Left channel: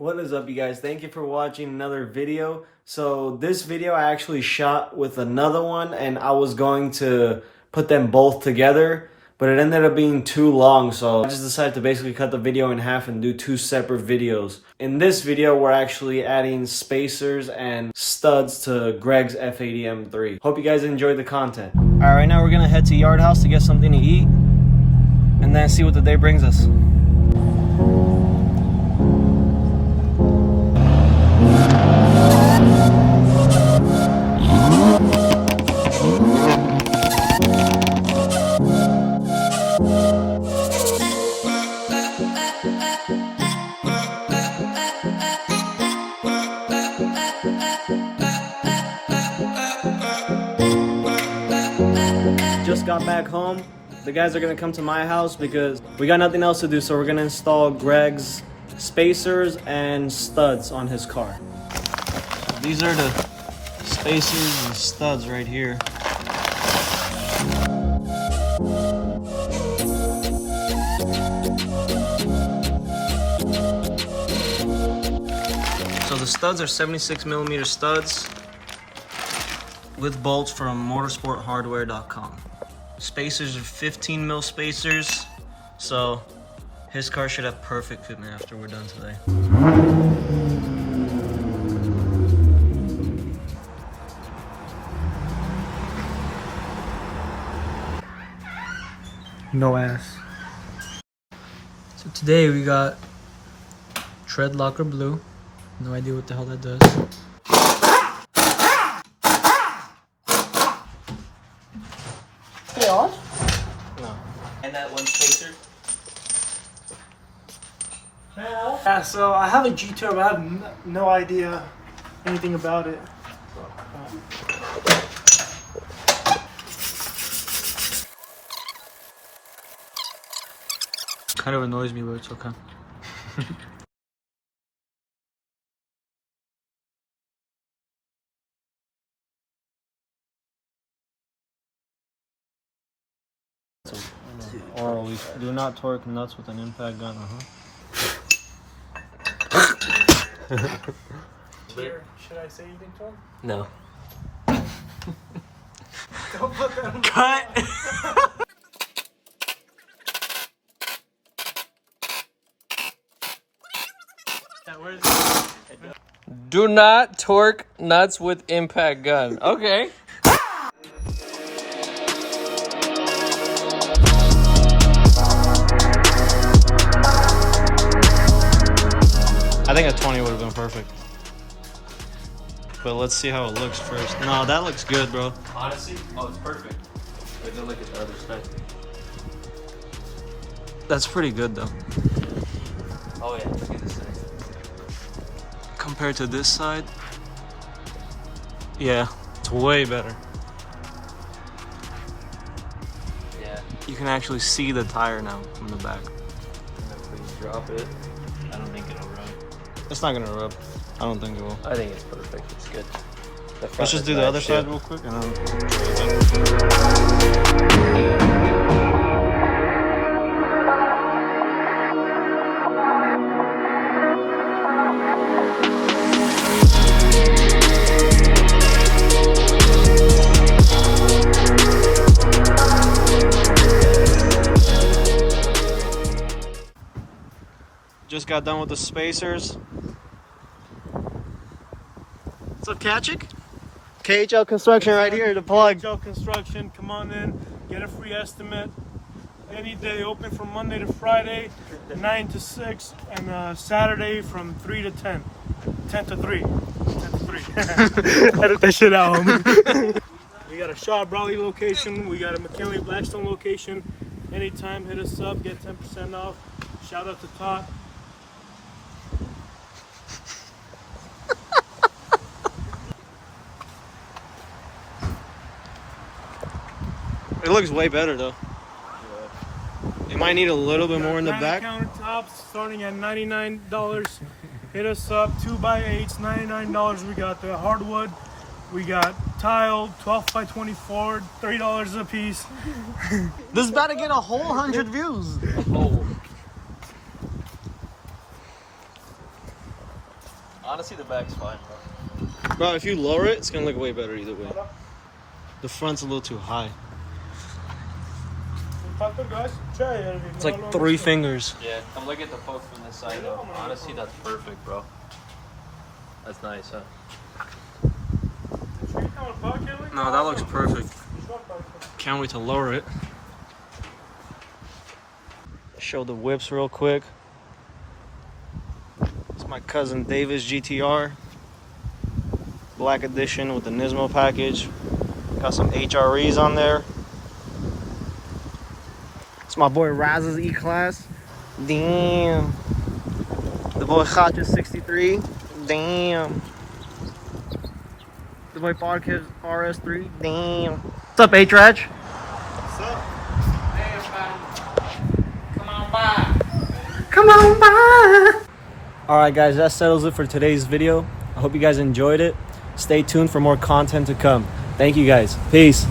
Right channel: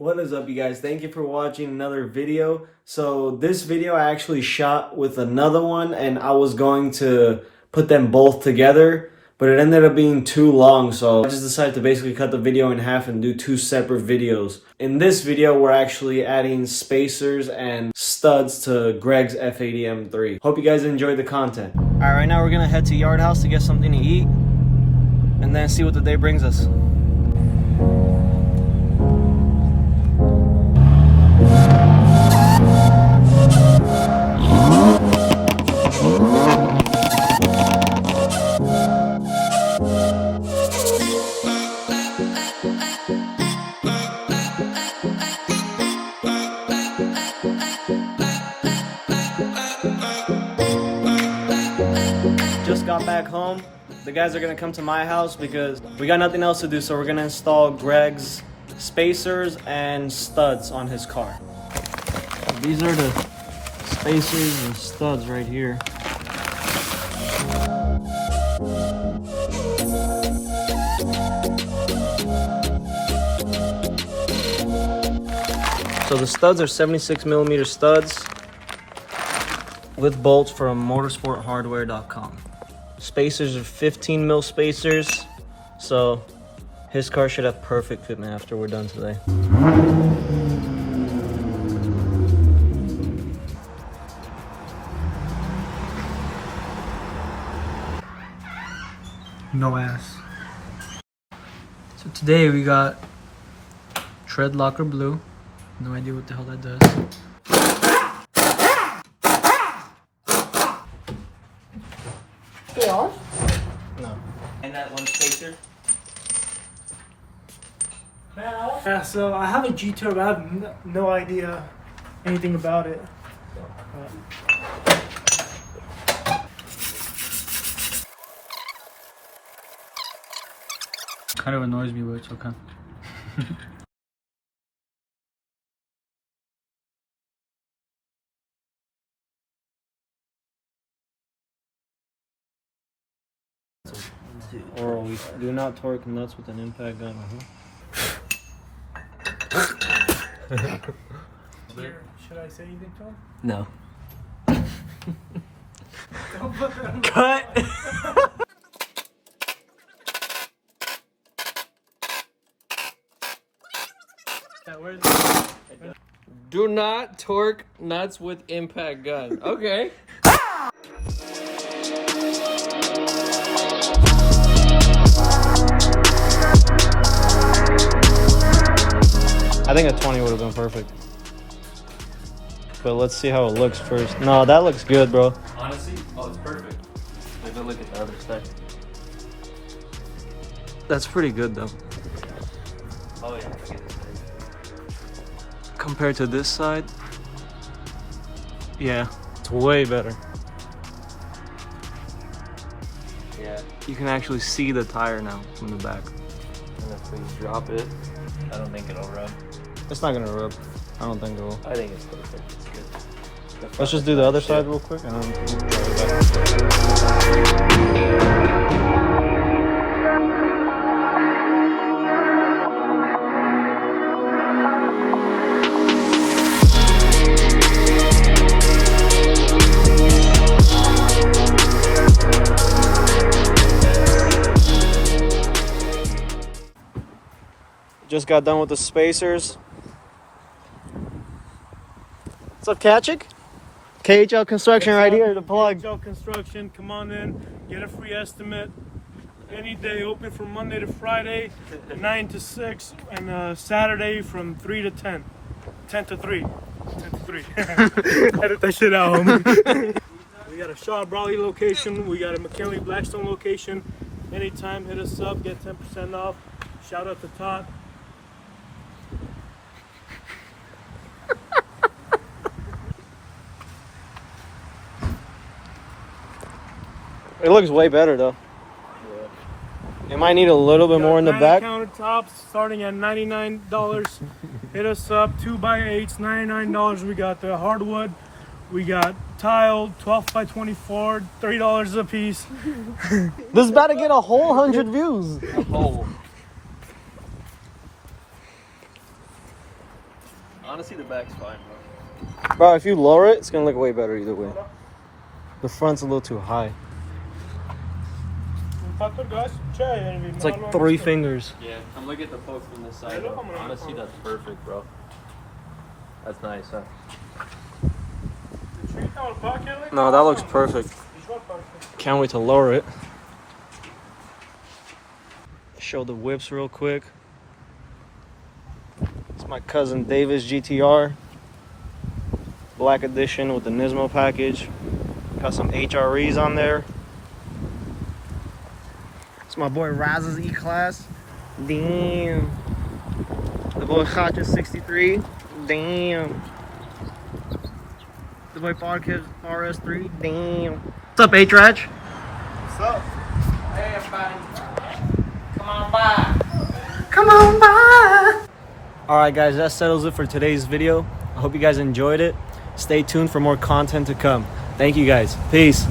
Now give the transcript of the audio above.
What is up, you guys? Thank you for watching another video. So this video I actually shot with another one, and I was going to put them both together, but it ended up being too long, so I just decided to basically cut the video in half and do two separate videos. In this video, we're actually adding spacers and studs to Greg's F80 M3. Hope you guys enjoyed the content. All right, right now we're gonna head to Yard House to get something to eat, and then see what the day brings us. Just got back home. The guys are gonna come to my house because we got nothing else to do, so we're gonna install Greg's spacers and studs on his car. These are the spacers and studs right here. So the studs are 76mm studs with bolts from motorsporthardware.com. Spacers are 15mm spacers, so his car should have perfect fitment after we're done today. No ass. So today we got tread locker blue. No idea what the hell that does. No. And that one spacer? Yeah, so I have a G2, but I have no idea anything about it. Kind of annoys me, but it's okay. Or we do not torque nuts with an impact gun. Should I say anything to him? No. Don't look at him. Cut! Where is it? Do not torque nuts with impact gun. Okay. I think a 20 would have been perfect. But let's see how it looks first. No, that looks good, bro. Honestly, it's perfect. Take a look at the other side. That's pretty good, though. Oh wait, look at this side. Compared to this side, yeah, it's way better. Yeah. You can actually see the tire now from the back. And if we drop it, I don't think it'll run. It's not gonna rub. I don't think it will. I think it's perfect. It's good. Let's just do the other side real quick, and then we'll show you that. Just got done with the spacers. What's up, Kachik? KHL Construction right here, the plug. KHL Construction, come on in, get a free estimate. Any day, open from Monday to Friday, 9 to 6, and Saturday from 3 to 10. 10 to 3. 10 to 3. Edit that shit out, homie. We got a Shaw Brawley location, we got a McKinley Blackstone location. Anytime, hit us up, get 10% off. Shout out to Todd. It looks way better though. It might need a little bit more in the back. Countertops starting at $99. Hit us up, 2x8s, $99. We got the hardwood. We got tile, 12 by 24, $3 a piece. This is about to get a whole 100 views. Oh. Honestly, the back's fine. Bro, if you lower it, it's gonna look way better either way. The front's a little too high. It's like 3 fingers. Yeah, I'm looking at the hook from this side. Honestly, that's perfect, bro. That's nice, huh? No, that looks perfect. Can't wait to lower it. Show the whips real quick. It's my cousin Davis GTR. Black edition with the Nismo package. Got some HREs on there. It's my boy Raz's E-Class. Damn. The boy Hacha 63. Damn. The boy Parkis RS3. Damn. What's up, H-Raj? What's up? Hey, everybody. Come on by. Come on by. Alright guys, that settles it for today's video. I hope you guys enjoyed it. Stay tuned for more content to come. Thank you guys. Peace.